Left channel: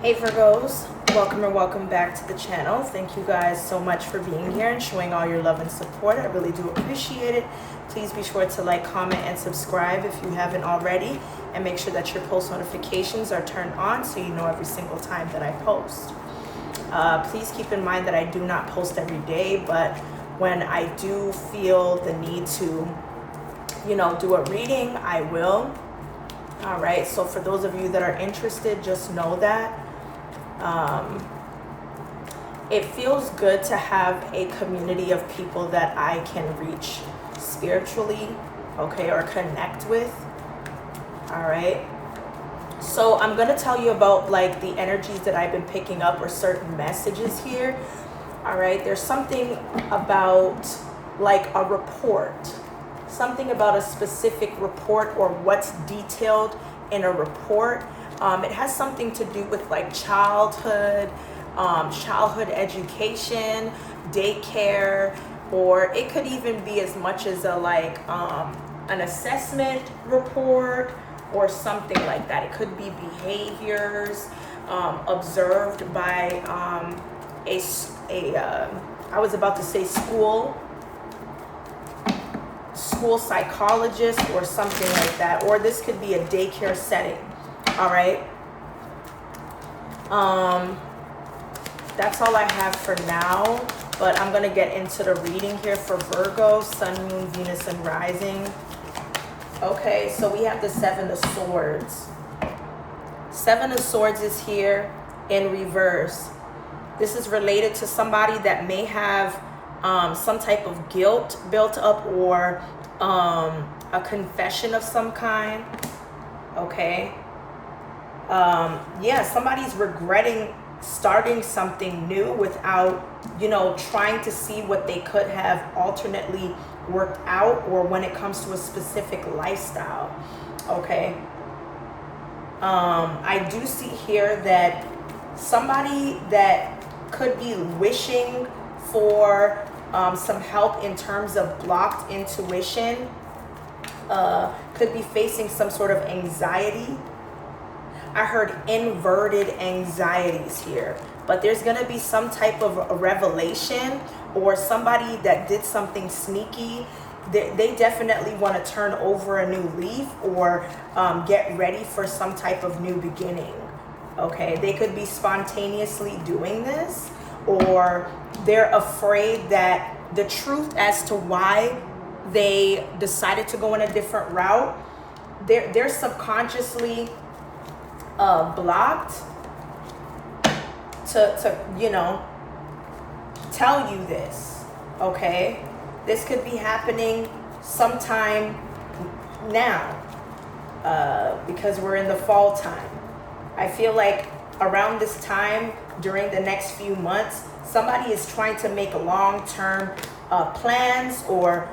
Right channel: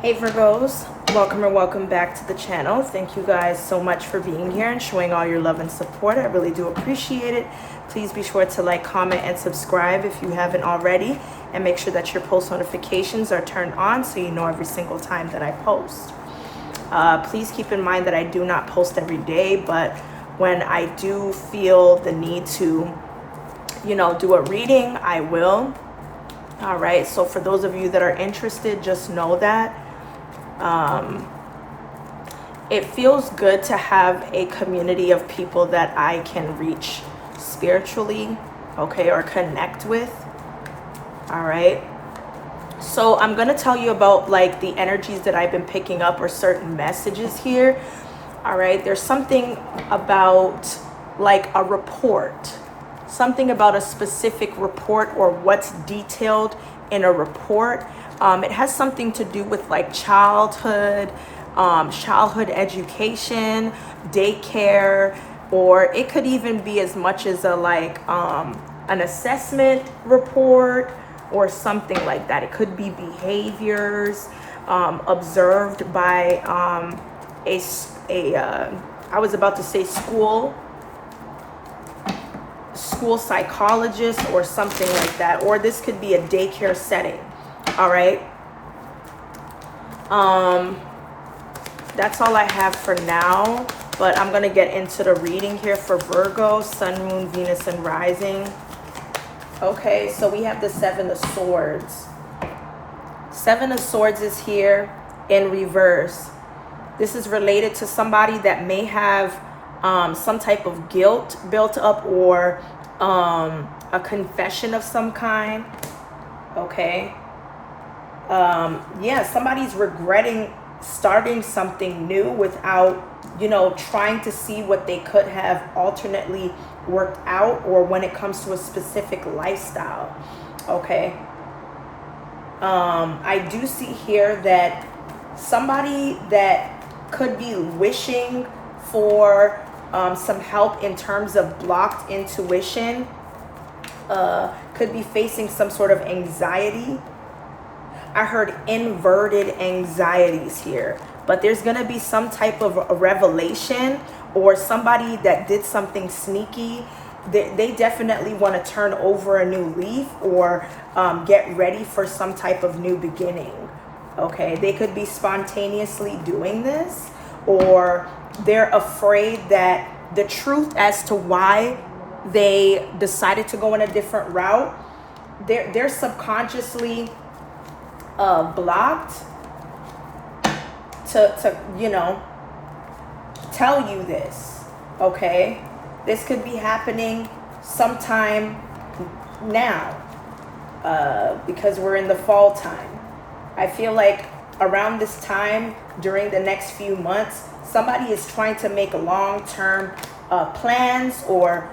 Hey Virgos, welcome or welcome back to the channel. Thank you guys so much for being here and showing all your love and support. I really do appreciate it. Please be sure to like, comment, and subscribe if you haven't already. And make sure that your post notifications are turned on so you know every single time that I post. Please keep in mind that I do not post every day, but when I do feel the need to, do a reading, I will. All right, so for those of you that are interested, just know that it feels good to have a community of people that I can reach spiritually, okay, or connect with. All right, so I'm gonna tell you about like the energies that I've been picking up or certain messages here. All right, there's something about like a report, something about a specific report or what's detailed in a report. It has something to do with like childhood education, daycare, or it could even be as much as a an assessment report or something like that. It could be behaviors observed by I was about to say school psychologist or something like that, or this could be a daycare setting. All right, that's all I have for now, but I'm gonna get into the reading here for Virgo, Sun, Moon, Venus, and Rising. Okay, so we have the Seven of Swords. Seven of Swords is here in reverse. This is related to somebody that may have some type of guilt built up, or a confession of some kind. Okay, yeah, somebody's regretting starting something new without trying to see what they could have alternately worked out, or when it comes to a specific lifestyle. Okay, I do see here that somebody that could be wishing for some help in terms of blocked intuition could be facing some sort of anxiety. I heard inverted anxieties here, but there's going to be some type of a revelation, or somebody that did something sneaky. They definitely want to turn over a new leaf, or get ready for some type of new beginning. Okay, they could be spontaneously doing this, or they're afraid that the truth as to why they decided to go in a different route, they're subconsciously blocked to tell you this. Okay, this could be happening sometime now, because we're in the fall time. I feel like around this time, during the next few months, somebody is trying to make long-term plans, or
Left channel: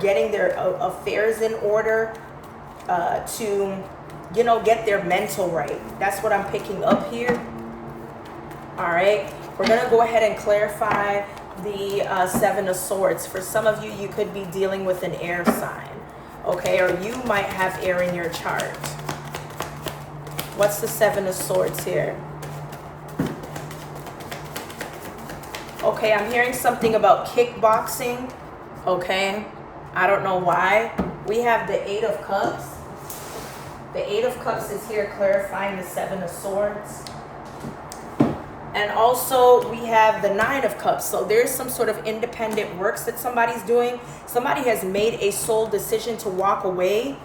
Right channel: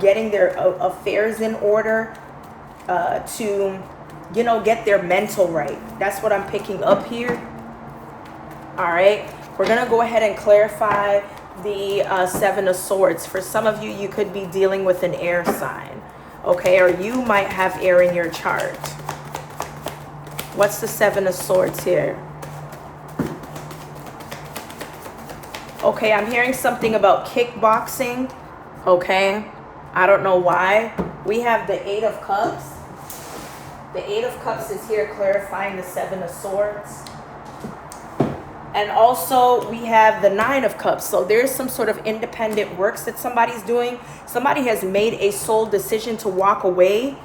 getting their affairs in order to get their mental right. That's what I'm picking up here. All right, we're gonna go ahead and clarify the Seven of Swords. For some of you, you could be dealing with an air sign, okay, or you might have air in your chart. What's the Seven of Swords here? Okay, I'm hearing something about kickboxing. Okay, I don't know why. We have the Eight of Cups. The Eight of Cups is here clarifying the Seven of Swords. And also we have the Nine of Cups. So there's some sort of independent works that somebody's doing. Somebody has made a soul decision to walk away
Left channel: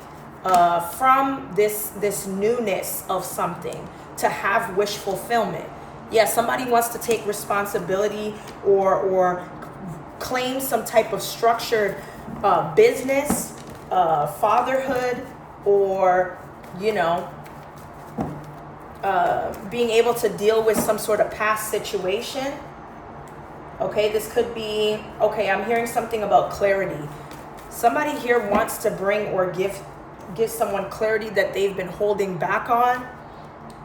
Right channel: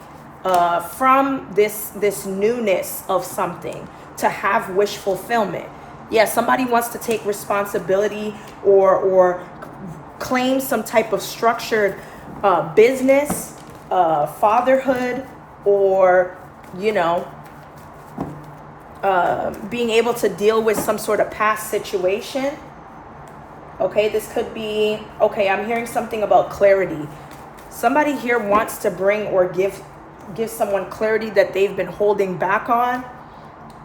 from this newness of something, to have wish fulfillment. Yeah, somebody wants to take responsibility, or claim some type of structured business, fatherhood, or being able to deal with some sort of past situation. Okay, this could be, okay, I'm hearing something about clarity. Somebody here wants to bring or give someone clarity that they've been holding back on.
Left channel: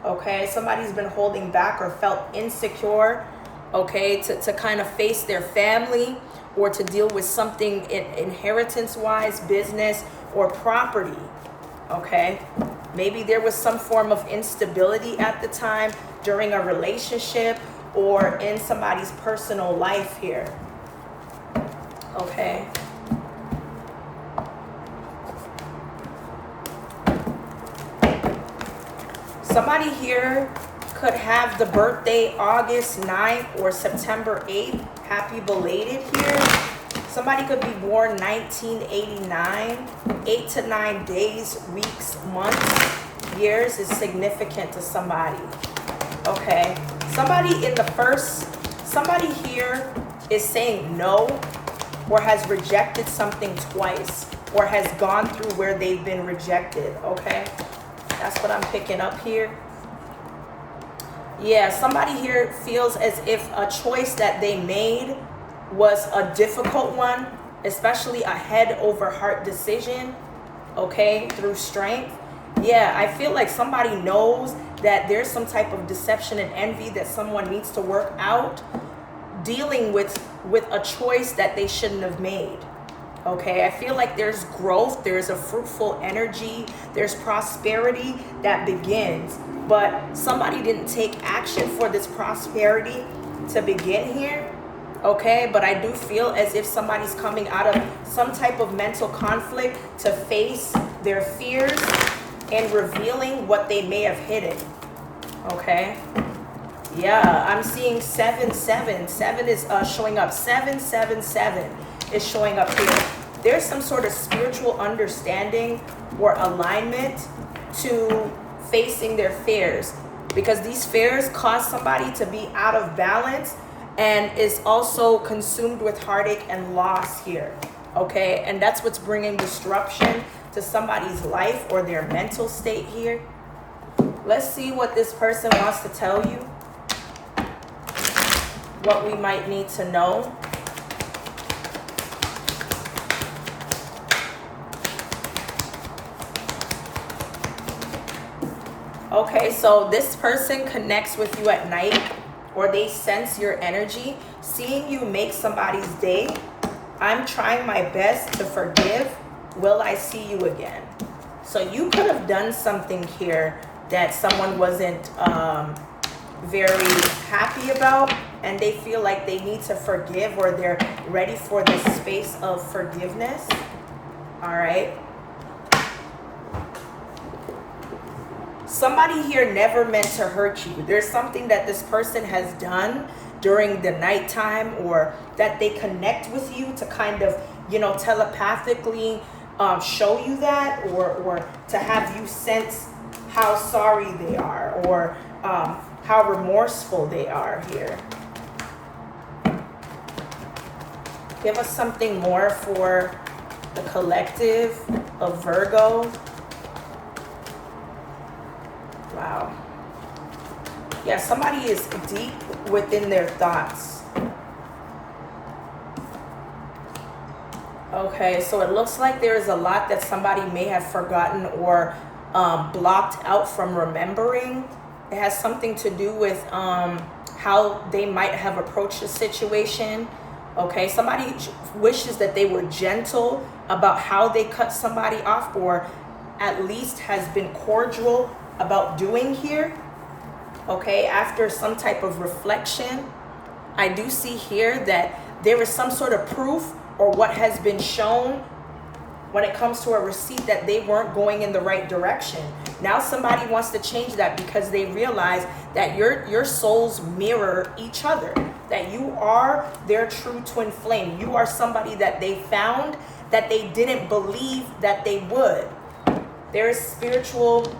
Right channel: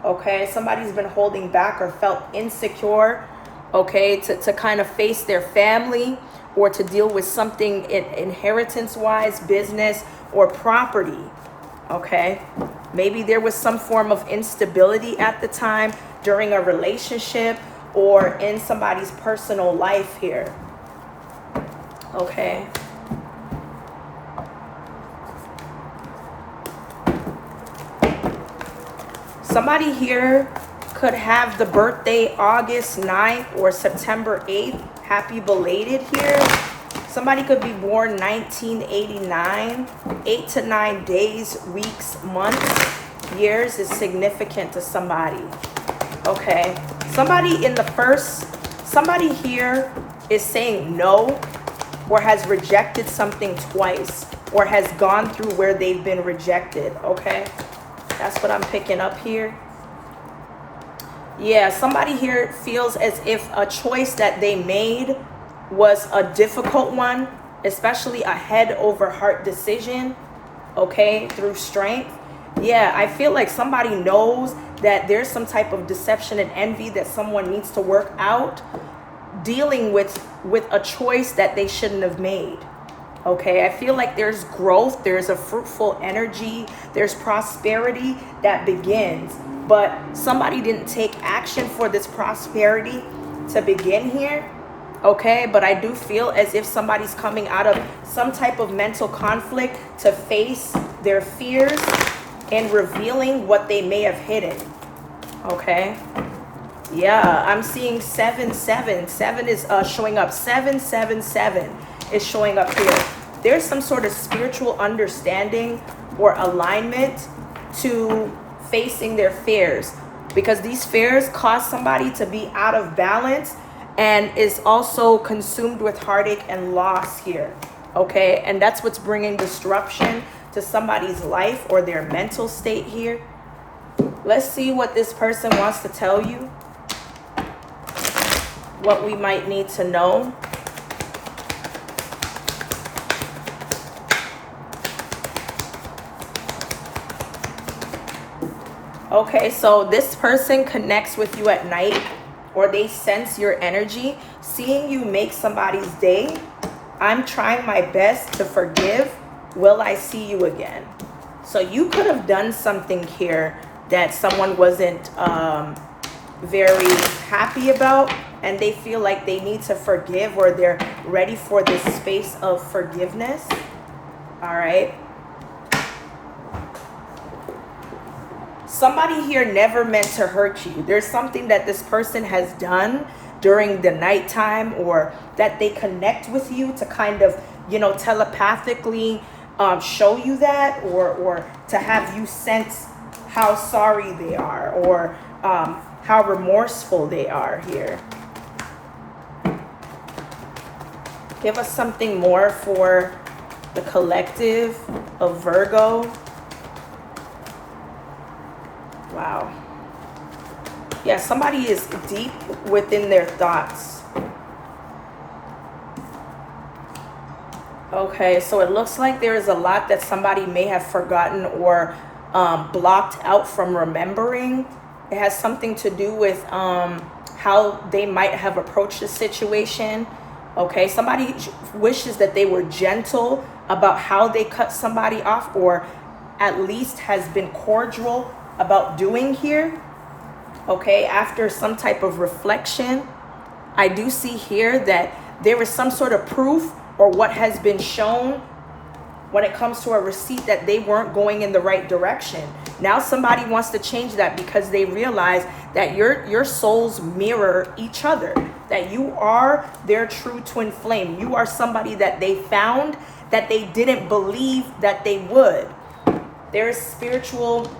Okay, somebody's been holding back or felt insecure, okay, to kind of face their family, or to deal with something inheritance-wise, business, or property. Okay, Maybe there was some form of instability at the time during a relationship or in somebody's personal life here. Okay. Somebody here could have the birthday August 9th or September 8th. Happy belated here. Somebody could be born 1989. 8 to 9 days, weeks, months, years is significant to somebody. Okay. Somebody here is saying no, or has rejected something twice, or has gone through where they've been rejected. Okay. That's what I'm picking up here. Yeah, somebody here feels as if a choice that they made was a difficult one, especially a head over heart decision, okay, through strength. Yeah, I feel like somebody knows that there's some type of deception and envy that someone needs to work out, dealing with a choice that they shouldn't have made. Okay, I feel like there's growth, there's a fruitful energy, there's prosperity that begins, but somebody didn't take action for this prosperity to begin here. Okay, but I do feel as if somebody's coming out of some type of mental conflict to face their fears and revealing what they may have hidden. Okay. Yeah, I'm seeing 777. 7 is showing up. 777 is showing up here. There's some sort of spiritual understanding or alignment to facing their fears, because these fears cause somebody to be out of balance and is also consumed with heartache and loss here. Okay, and that's what's bringing disruption to somebody's life or their mental state here. Let's see what this person wants to tell you, what we might need to know. Okay, so this person connects with you at night, or they sense your energy. Seeing you make somebody's day. I'm trying my best to forgive. Will I see you again? So you could have done something here that someone wasn't very happy about, and they feel like they need to forgive, or they're ready for this space of forgiveness. All right. Somebody here never meant to hurt you. There's something that this person has done during the nighttime, or that they connect with you to kind of, telepathically show you that, or to have you sense how sorry they are, or how remorseful they are here. Give us something more for the collective of Virgo. Wow. Yeah, somebody is deep within their thoughts. Okay, so it looks like there is a lot that somebody may have forgotten or blocked out from remembering. It has something to do with how they might have approached the situation. Okay, somebody wishes that they were gentle about how they cut somebody off, or at least has been cordial about doing here. Okay, after some type of reflection, I do see here that there is some sort of proof or what has been shown when it comes to a receipt that they weren't going in the right direction. Now somebody wants to change that because they realize that your souls mirror each other, that you are their true twin flame. You are somebody that they found that they didn't believe that they would. There's spiritual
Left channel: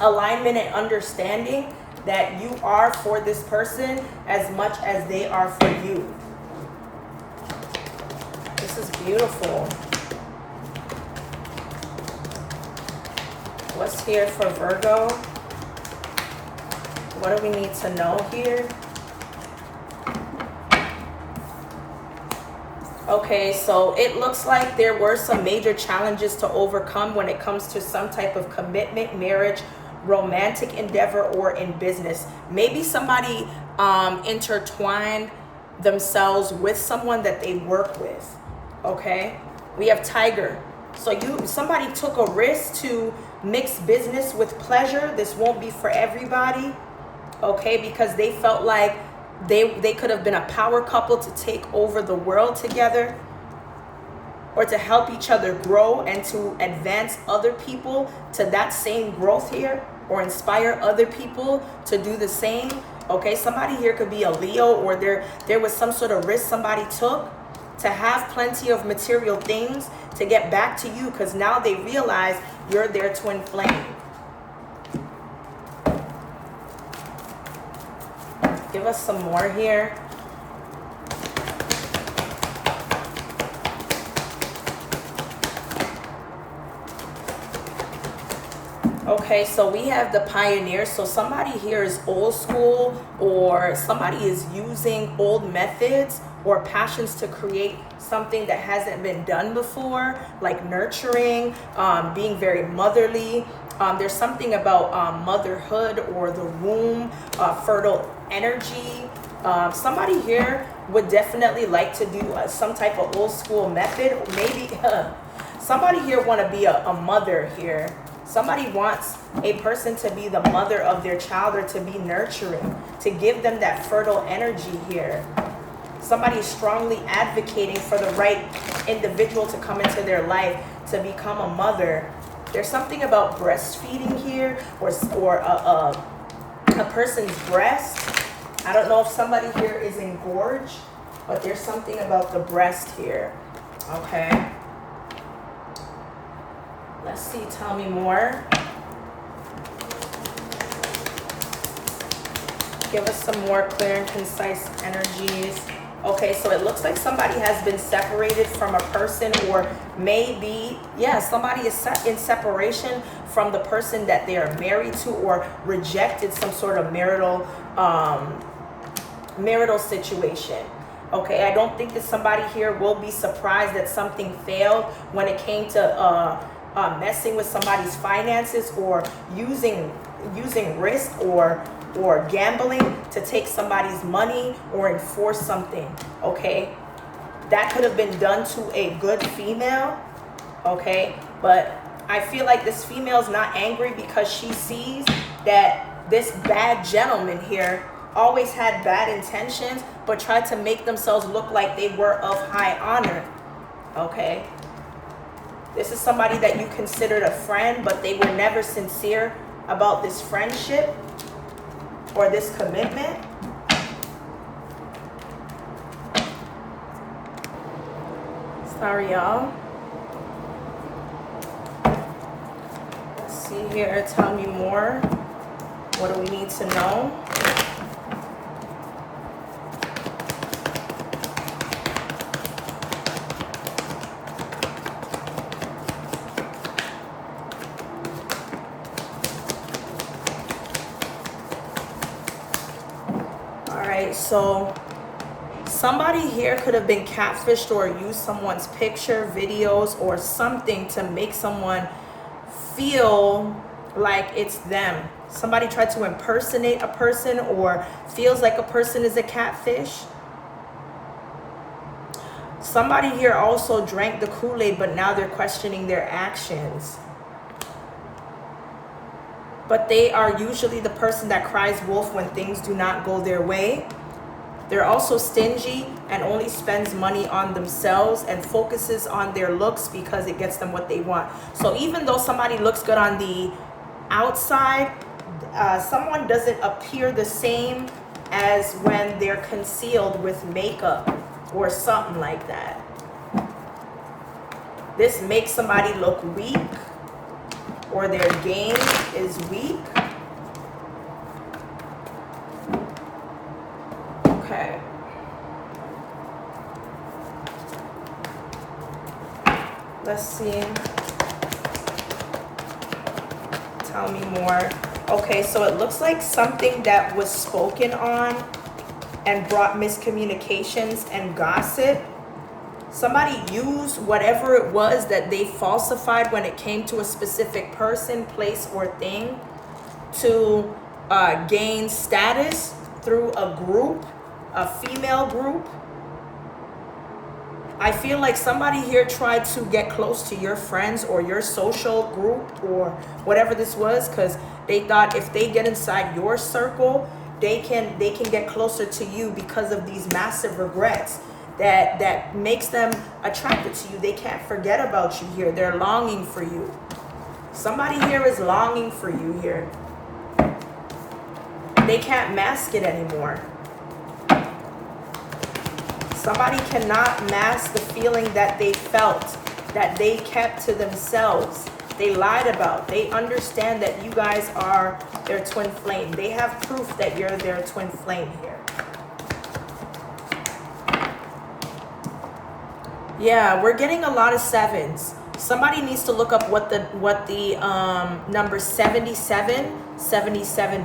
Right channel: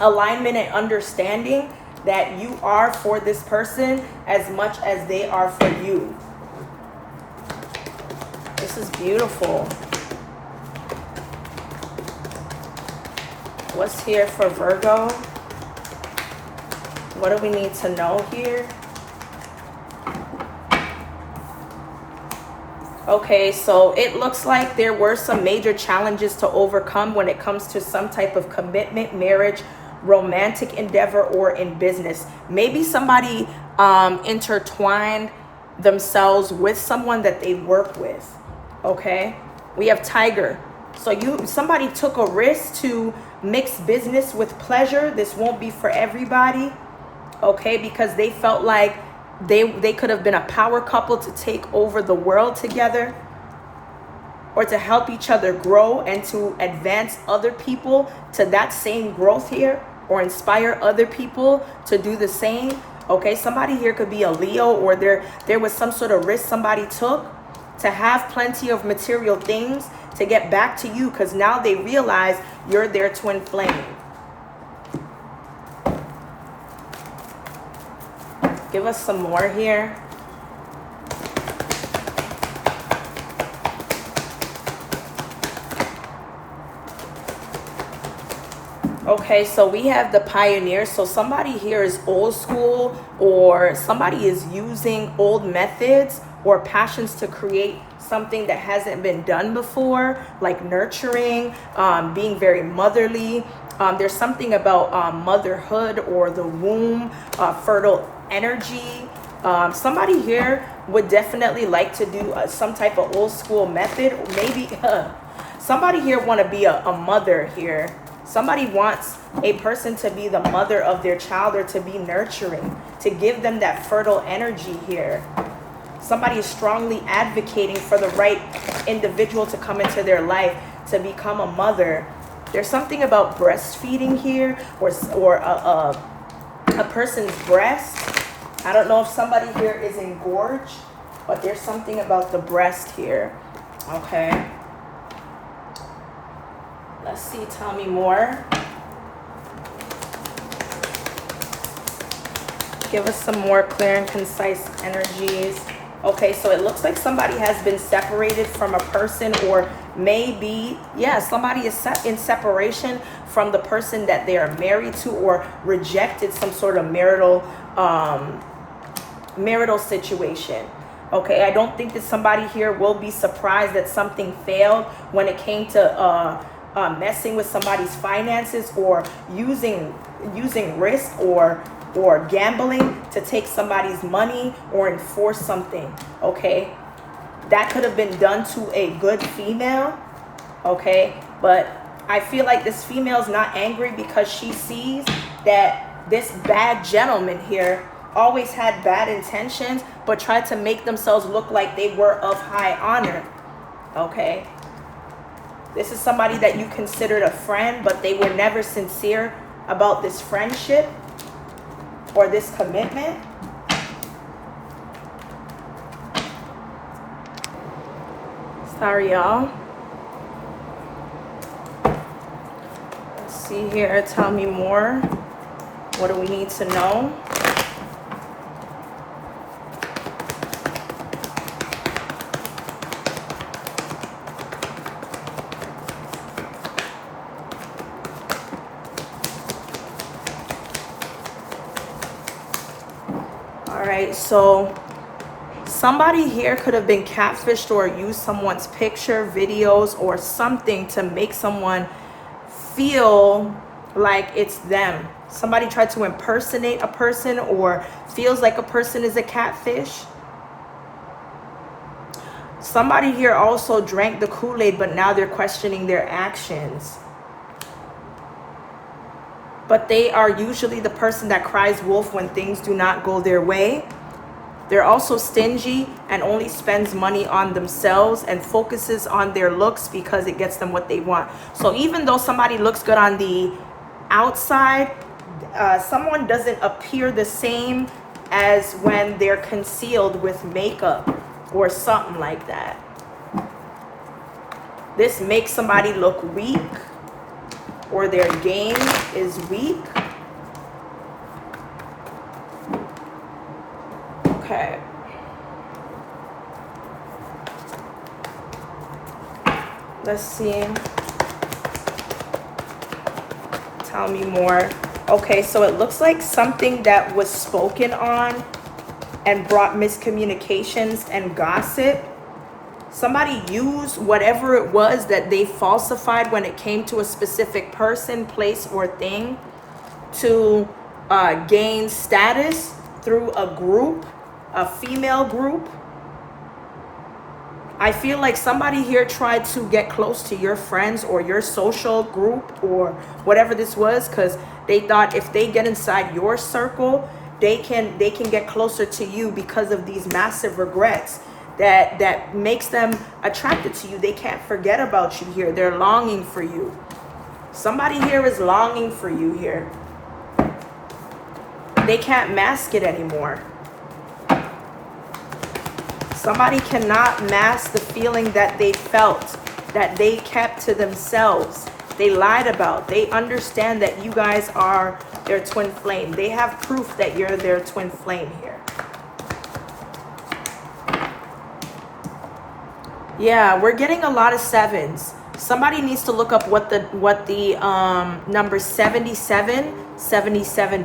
alignment and understanding that you are for this person as much as they are for you. This is beautiful. What's here for Virgo? What do we need to know here? Okay, so it looks like there were some major challenges to overcome when it comes to some type of commitment, marriage, romantic endeavor, or in business. Maybe somebody intertwined themselves with someone that they work with. Okay, we have Tiger. So somebody took a risk to mix business with pleasure. This won't be for everybody, okay? Because they felt like they could have been a power couple to take over the world together, or to help each other grow and to advance other people to that same growth here, or inspire other people to do the same. Okay, somebody here could be a Leo, or there was some sort of risk somebody took to have plenty of material things to get back to you, because now they realize you're their twin flame. Give us some more here. Okay, so we have the pioneer. So somebody here is old school, or somebody is using old methods or passions to create something that hasn't been done before, like nurturing, being very motherly. There's something about motherhood or the womb, fertile energy. Somebody here would definitely like to do some type of old school method. Maybe somebody here want to be a mother here. Somebody wants a person to be the mother of their child, or to be nurturing, to give them that fertile energy here. Somebody is strongly advocating for the right individual to come into their life to become a mother. There's something about breastfeeding here, or a person's breast. I don't know if somebody here is engorged, but there's something about the breast here. Okay. Let's see, tell me more. Give us some more clear and concise energies. Okay, so it looks like somebody has been separated from a person, or maybe, yeah, somebody is in separation from the person that they are married to, or rejected some sort of marital situation. Okay, I don't think that somebody here will be surprised that something failed when it came to messing with somebody's finances, or using risk or gambling to take somebody's money or enforce something. Okay, that could have been done to a good female. Okay, but I feel like this female's not angry, because she sees that this bad gentleman here always had bad intentions, but tried to make themselves look like they were of high honor. Okay, this is somebody that you considered a friend, but they were never sincere about this friendship or this commitment. Sorry, y'all. Let's see here. Tell me more. What do we need to know? So somebody here could have been catfished, or used someone's picture, videos, or something to make someone feel like it's them. Somebody tried to impersonate a person, or feels like a person is a catfish. Somebody here also drank the Kool-Aid, but now they're questioning their actions. But they are usually the person that cries wolf when things do not go their way. They're also stingy and only spends money on themselves and focuses on their looks because it gets them what they want. So even though somebody looks good on the outside, someone doesn't appear the same as when they're concealed with makeup or something like that. This makes somebody look weak, or their game is weak. Okay. Let's see. Tell me more. Okay, so it looks like something that was spoken on and brought miscommunications and gossip. Somebody used whatever it was that they falsified when it came to a specific person, place, or thing to gain status through a group, a female group. I feel like somebody here tried to get close to your friends or your social group or whatever this was, because they thought if they get inside your circle, they can get closer to you because of these massive regrets that makes them attracted to you. They can't forget about you here. They're longing for you. Somebody here is longing for you here. They can't mask it anymore. Somebody cannot mask the feeling that they felt, that they kept to themselves. They lied about. They understand that you guys are their twin flame. They have proof that you're their twin flame here. Yeah, we're getting a lot of sevens. Somebody needs to look up what the number 77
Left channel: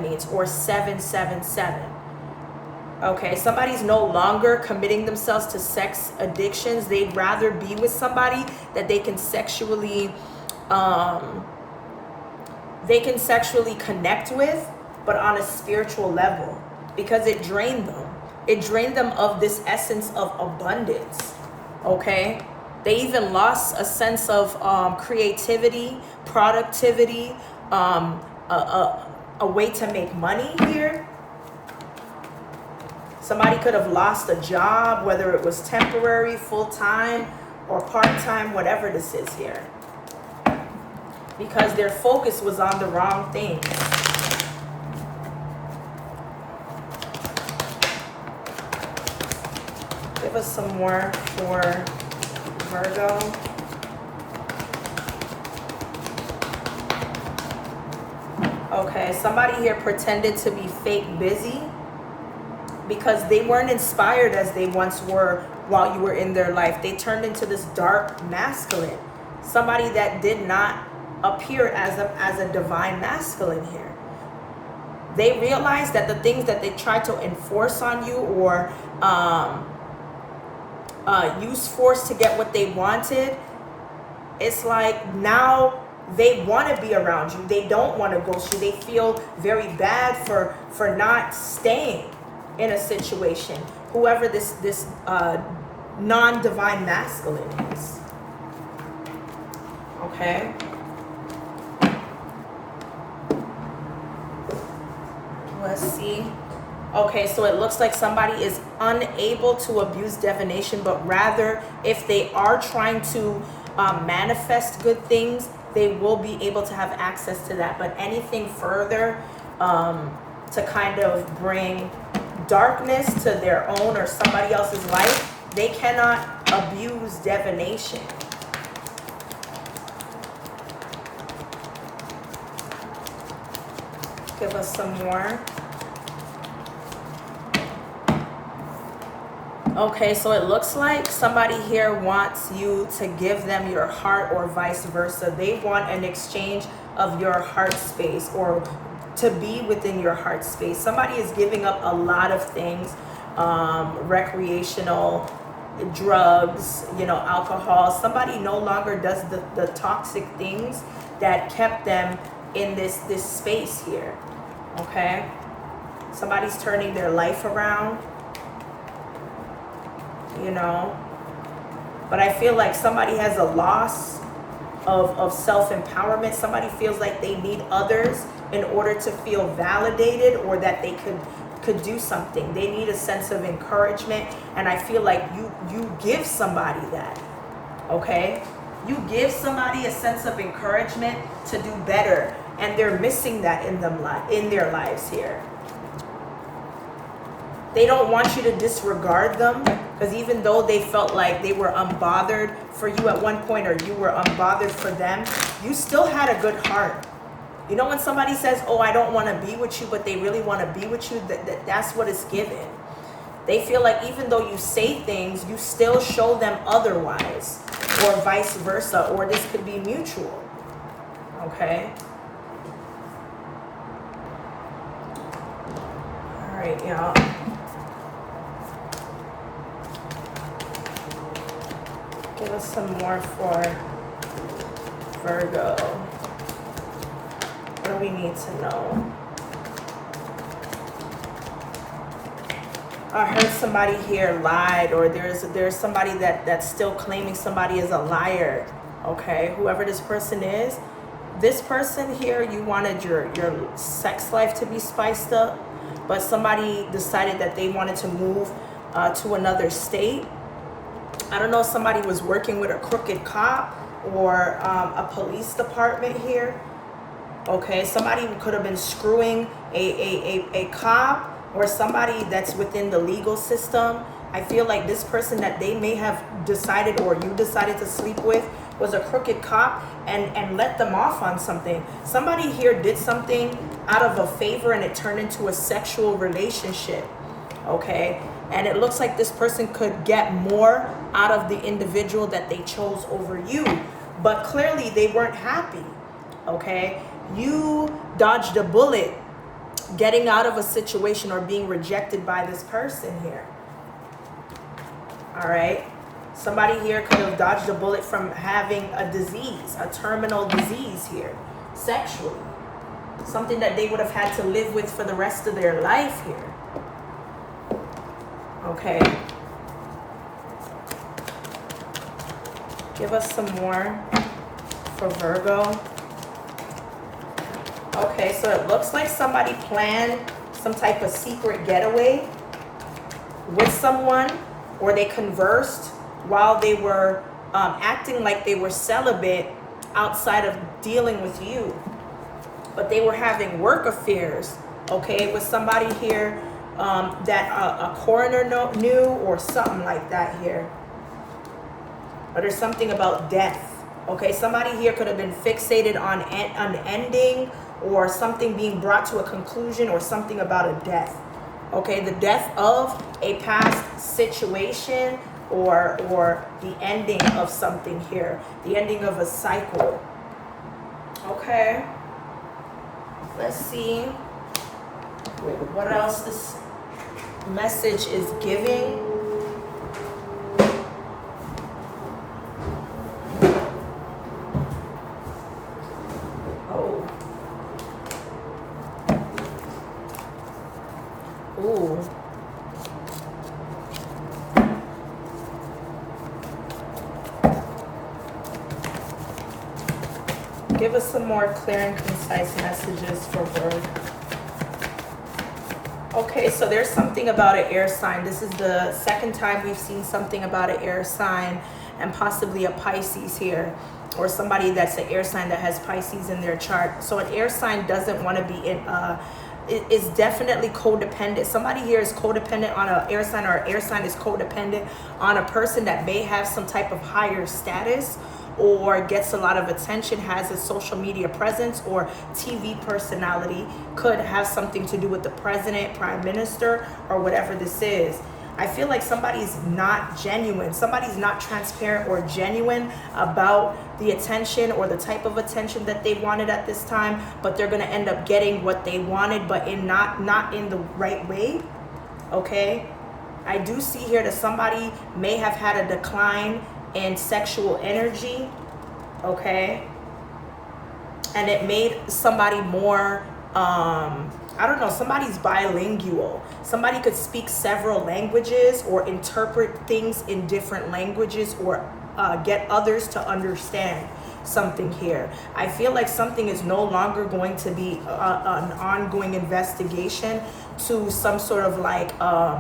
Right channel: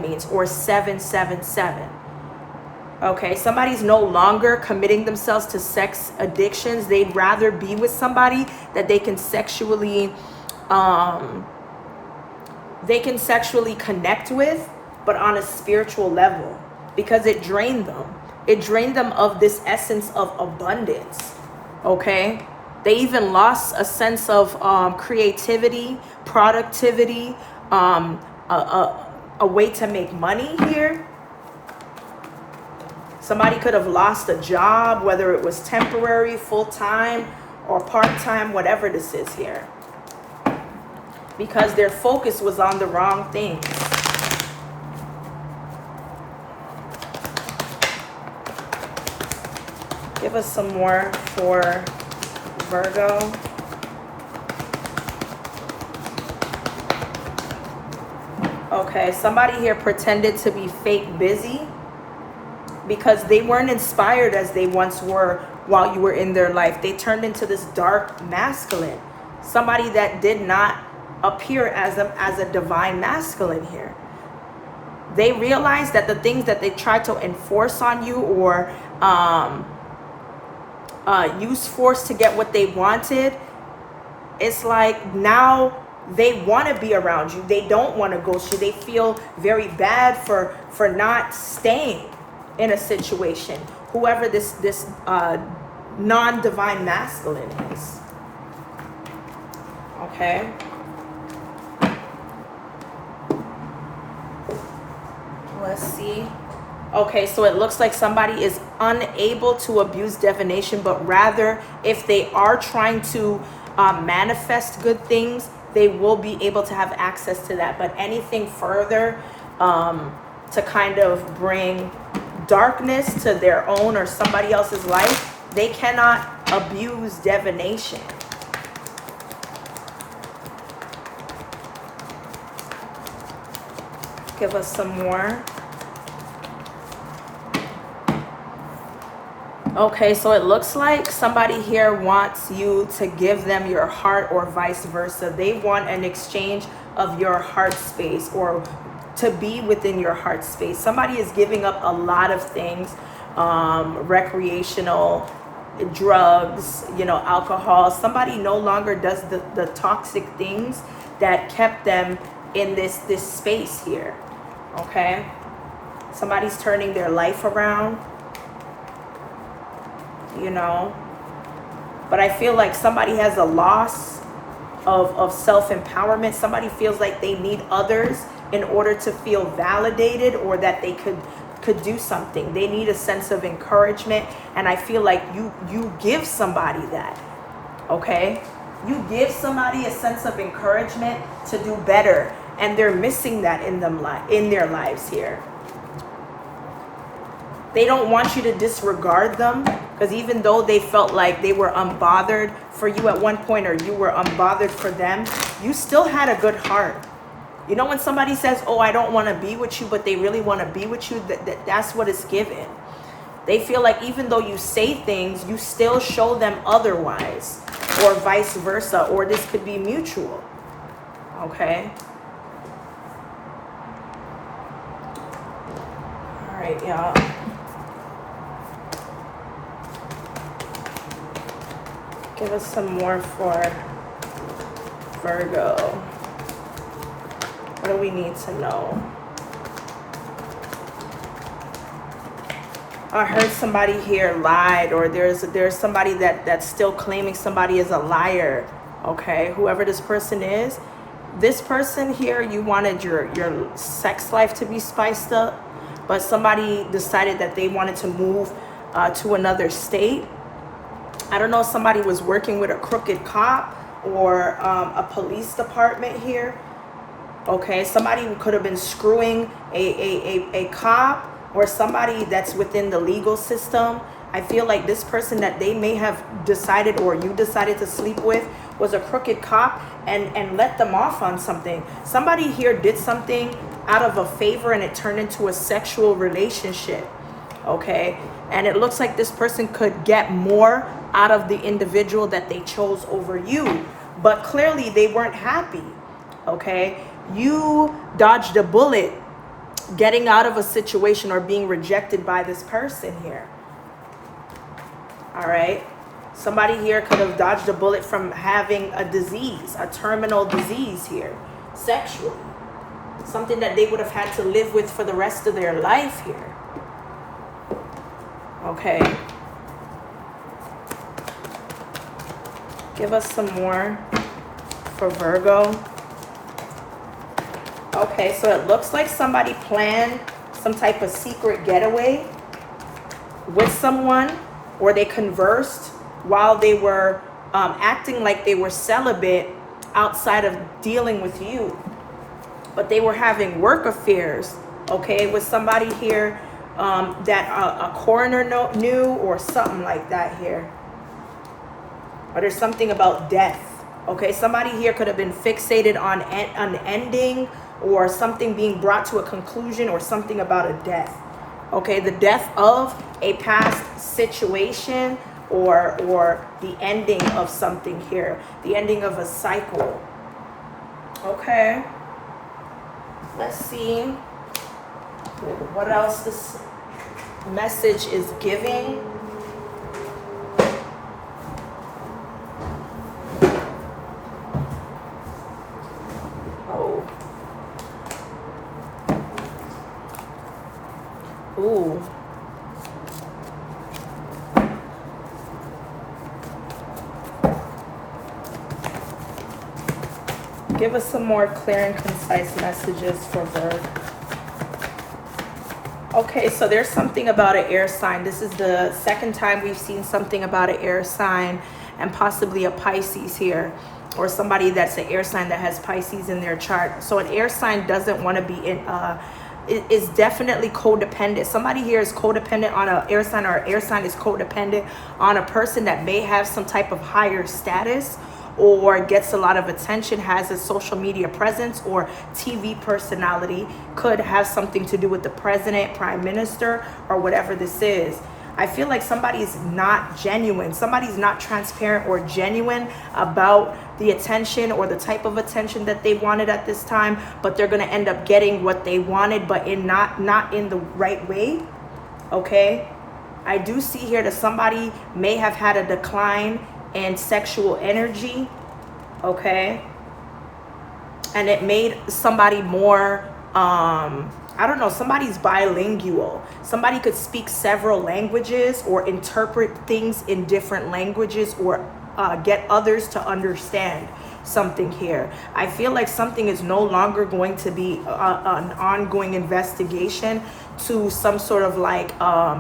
means, or 777. Okay, somebody's no longer committing themselves to sex addictions. They'd rather be with somebody that they can sexually connect with, but on a spiritual level, because it drained them. It drained them of this essence of abundance. Okay, they even lost a sense of creativity, productivity, a way to make money here. Somebody could have lost a job, whether it was temporary, full-time, or part-time, whatever this is here, because their focus was on the wrong things. Give us some more for Virgo. Okay, somebody here pretended to be fake busy because they weren't inspired as they once were while you were in their life. They turned into this dark masculine. Somebody that did not appear as a divine masculine here. They realized that the things that they tried to enforce on you or use force to get what they wanted, it's like now they want to be around you. They don't want to ghost you. They feel very bad for not staying in a situation, whoever this non-divine masculine is. Okay. Let's see. Okay, so it looks like somebody is unable to abuse divination, but rather if they are trying to manifest good things, they will be able to have access to that. But anything further to kind of bring darkness to their own or somebody else's life, they cannot abuse divination. Give us some more. Okay, so it looks like somebody here wants you to give them your heart or vice versa. They want an exchange of your heart space or to be within your heart space. Somebody is giving up a lot of things, recreational, drugs, alcohol. Somebody no longer does the toxic things that kept them in this space here. Okay, somebody's turning their life around. But I feel like somebody has a loss of self-empowerment. Somebody feels like they need others in order to feel validated or that they could do something. They need a sense of encouragement, and I feel like you give somebody that. Okay, you give somebody a sense of encouragement to do better, and they're missing that in their lives here. They don't want you to disregard them, because even though they felt like they were unbothered for you at one point, or you were unbothered for them, you still had a good heart. When somebody says, oh, I don't want to be with you, but they really want to be with you, that's what it's given. They feel like even though you say things, you still show them otherwise, or vice versa, or this could be mutual. Okay? All right, y'all. Give us some more for Virgo. What do we need to know? I heard somebody here lied, or there's somebody that's still claiming somebody is a liar. Okay, whoever this person is, this person here, you wanted your sex life to be spiced up, but somebody decided that they wanted to move to another state. I don't know if somebody was working with a crooked cop or a police department here. Okay, somebody could have been screwing a cop or somebody that's within the legal system. I feel like this person that they may have decided, or you decided to sleep with, was a crooked cop and let them off on something. Somebody here did something out of a favor and it turned into a sexual relationship. Okay, and it looks like this person could get more out of the individual that they chose over you, but clearly they weren't happy. Okay, you dodged a bullet getting out of a situation or being rejected by this person here. All right, somebody here could have dodged a bullet from having a disease, a terminal disease here, sexually, something that they would have had to live with for the rest of their life here. Okay, give us some more for Virgo. Okay, so it looks like somebody planned some type of secret getaway with someone, or they conversed while they were acting like they were celibate outside of dealing with you. But they were having work affairs, okay, with somebody here that a coroner knew, or something like that here. But there's something about death. Okay, somebody here could have been fixated on an ending, or something being brought to a conclusion, or something about a death. Okay, the death of a past situation, or the ending of something here, the ending of a cycle. Okay, let's see what else this message is giving. Ooh. Give us some more clear and concise messages for Virgo. Okay, so there's something about an air sign. This is the second time we've seen something about an air sign, and possibly a Pisces here, or somebody that's an air sign that has Pisces in their chart. So an air sign doesn't want to be in it is definitely codependent. Somebody here is codependent on an air sign, or an air sign is codependent on a person that may have some type of higher status, or gets a lot of attention, has a social media presence, or TV personality. Could have something to do with the president, prime minister, or whatever this is. I feel like somebody's not genuine. Somebody's not transparent or genuine about the attention or the type of attention that they wanted at this time, but they're going to end up getting what they wanted, but in not in the right way. Okay, I do see here that somebody may have had a decline in sexual energy. Okay, and it made somebody more I don't know, somebody's bilingual. Somebody could speak several languages, or interpret things in different languages, or get others to understand something here. I feel like something is no longer going to be an ongoing investigation to some sort of like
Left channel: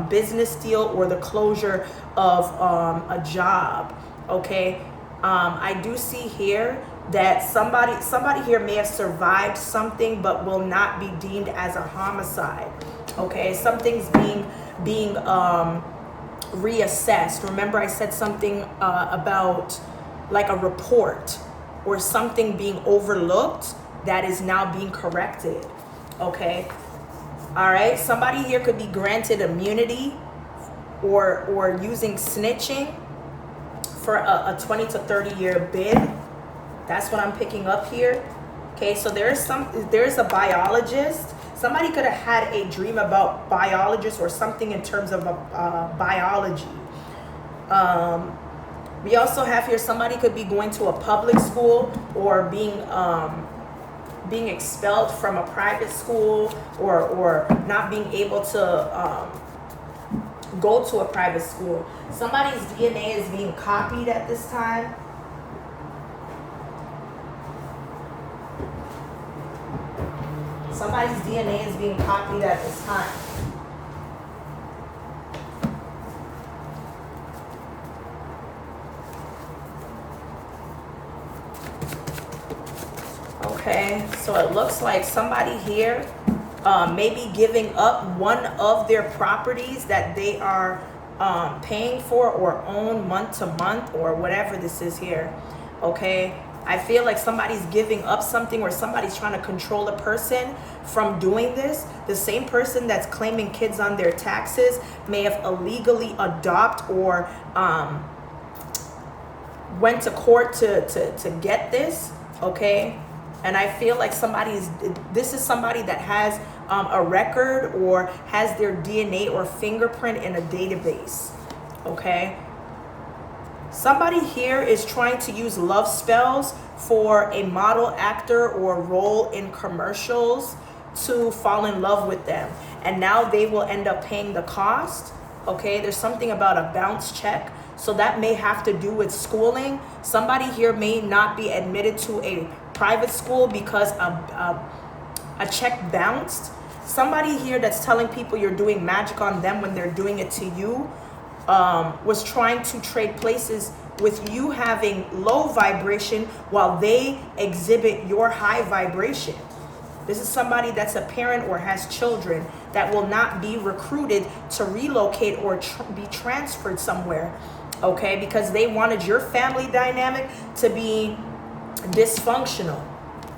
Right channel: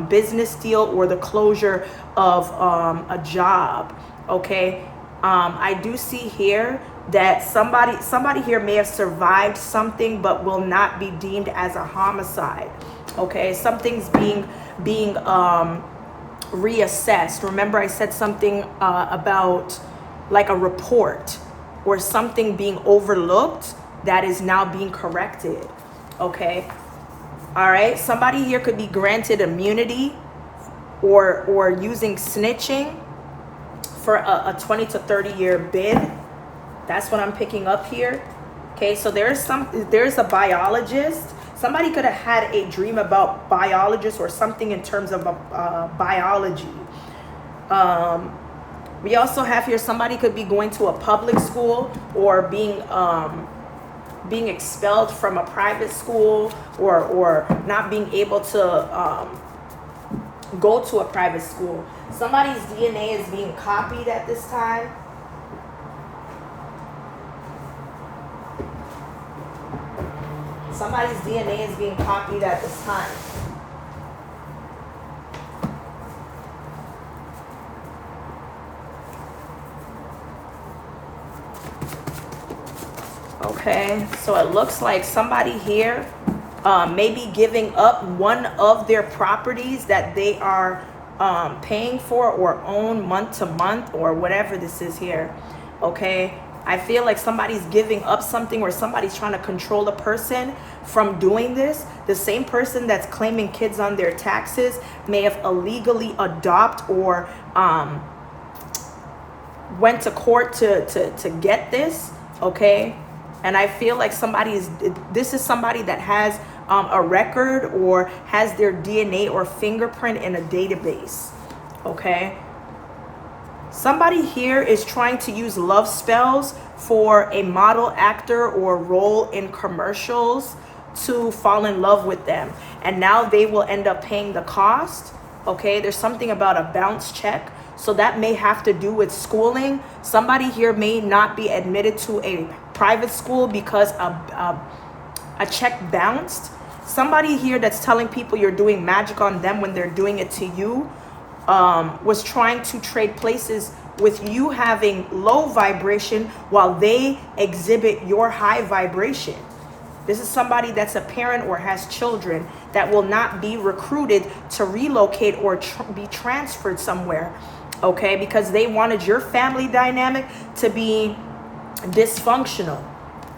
business deal, or the closure of a job. Okay, I do see here that somebody here may have survived something, but will not be deemed as a homicide. Okay, something's being reassessed. Remember, I said something about like a report, or something being overlooked that is now being corrected. Okay, all right, somebody here could be granted immunity, or using snitching for a 20 to 30 year bid. That's what I'm picking up here. Okay, so there's a biologist. Somebody could have had a dream about biologists, or something in terms of biology. We also have here, somebody could be going to a public school, or being expelled from a private school, or not being able to go to a private school. Somebody's DNA is being copied at this time. Somebody's DNA is being copied at this time. Okay, so it looks like somebody here may be giving up one of their properties that they are paying for or own month to month or whatever this is here. Okay, I feel like somebody's giving up something, or somebody's trying to control a person from doing this. The same person that's claiming kids on their taxes may have illegally adopted or went to court to get this. Okay, and I feel like this is somebody that has a record or has their DNA or fingerprint in a database. Okay, somebody here is trying to use love spells for a model, actor, or role in commercials to fall in love with them, and now they will end up paying the cost. Okay, there's something about a bounce check, so that may have to do with schooling. Somebody here may not be admitted to a private school because a check bounced. Somebody here that's telling people you're doing magic on them when they're doing it to you was trying to trade places with you having low vibration while they exhibit your high vibration. This is somebody that's a parent or has children that will not be recruited to relocate or be transferred somewhere, okay? Because they wanted your family dynamic to be dysfunctional,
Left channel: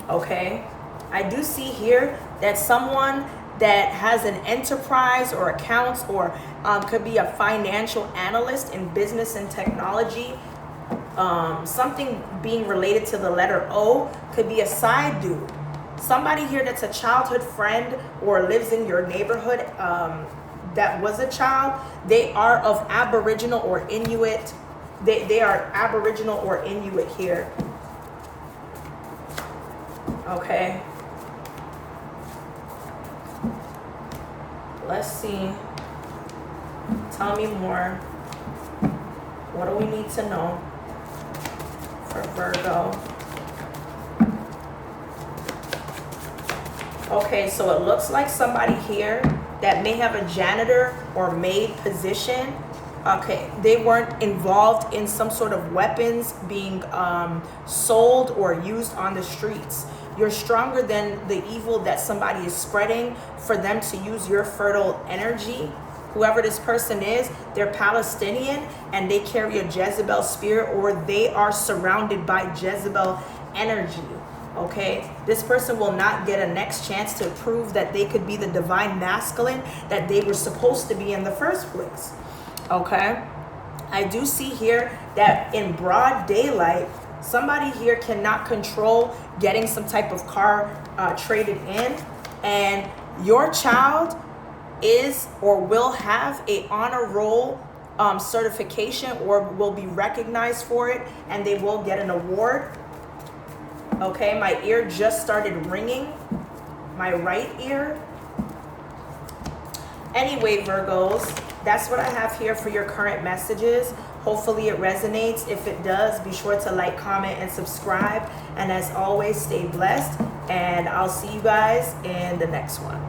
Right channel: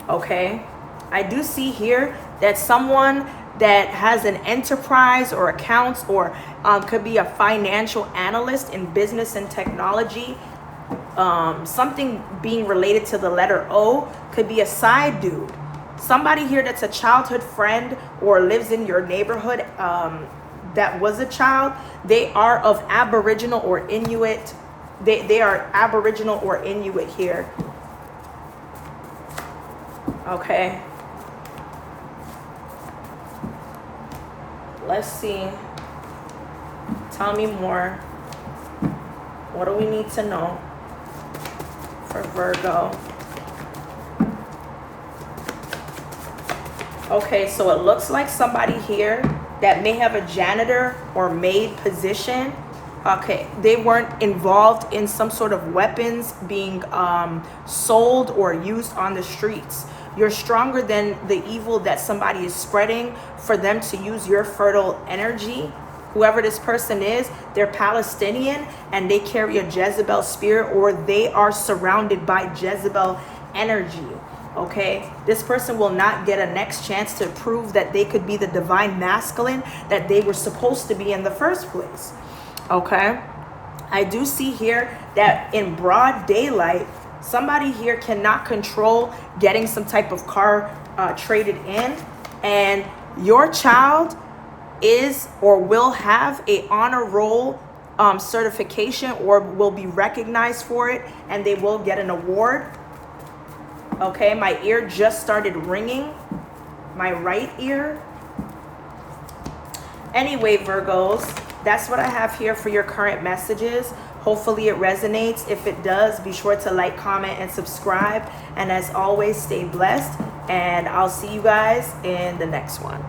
okay? I do see here that someone that has an enterprise or accounts or could be a financial analyst in business and technology. Something being related to the letter O, could be a side dude. Somebody here that's a childhood friend or lives in your neighborhood that was a child. They are of Aboriginal or Inuit. They are Aboriginal or Inuit here. Okay. Let's see. Tell me more. What do we need to know for Virgo? Okay, so it looks like somebody here that may have a janitor or maid position. Okay, they weren't involved in some sort of weapons being sold or used on the streets. You're stronger than the evil that somebody is spreading for them to use your fertile energy. Whoever this person is, they're Palestinian and they carry a Jezebel spirit, or they are surrounded by Jezebel energy. Okay, this person will not get a next chance to prove that they could be the divine masculine that they were supposed to be in the first place. Okay, I do see here that in broad daylight, somebody here cannot control getting some type of car traded in, and your child is or will have a honor roll certification or will be recognized for it, and they will get an award. Okay, my ear just started ringing, my right ear. Anyway, Virgos, that's what I have here for your current messages. Hopefully it resonates. If it does, be sure to like, comment, and subscribe. And as always, stay blessed. And I'll see you guys in the next one.